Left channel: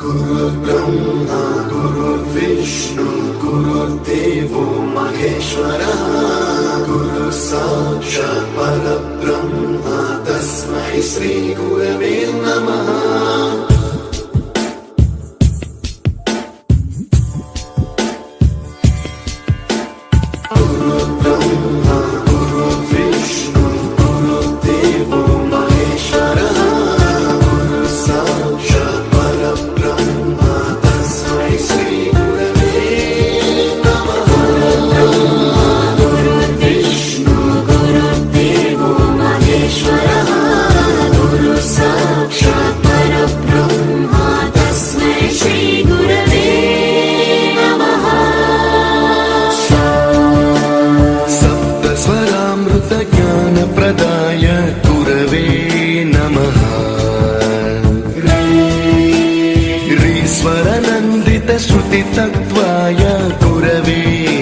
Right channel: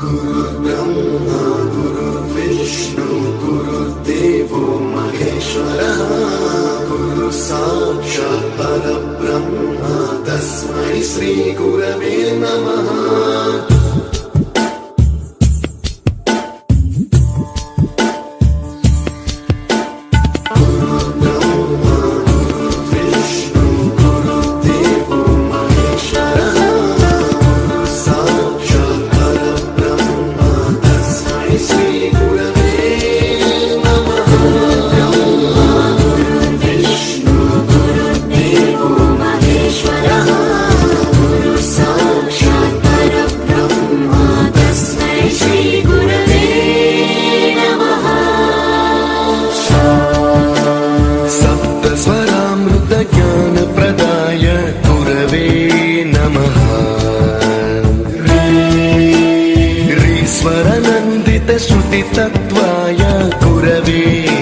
गुरुर्ब्रह्मा गुरुर्विष्णु गुरुर्देवो महेश्वरः गुरु साक्षात् परब्रह्म तस्मै श्री गुरवे नमः। ज्ञान प्रदाय गुरवे नमः। ईश्वर नन्दित श्रुति तत्त्वाय गुरवे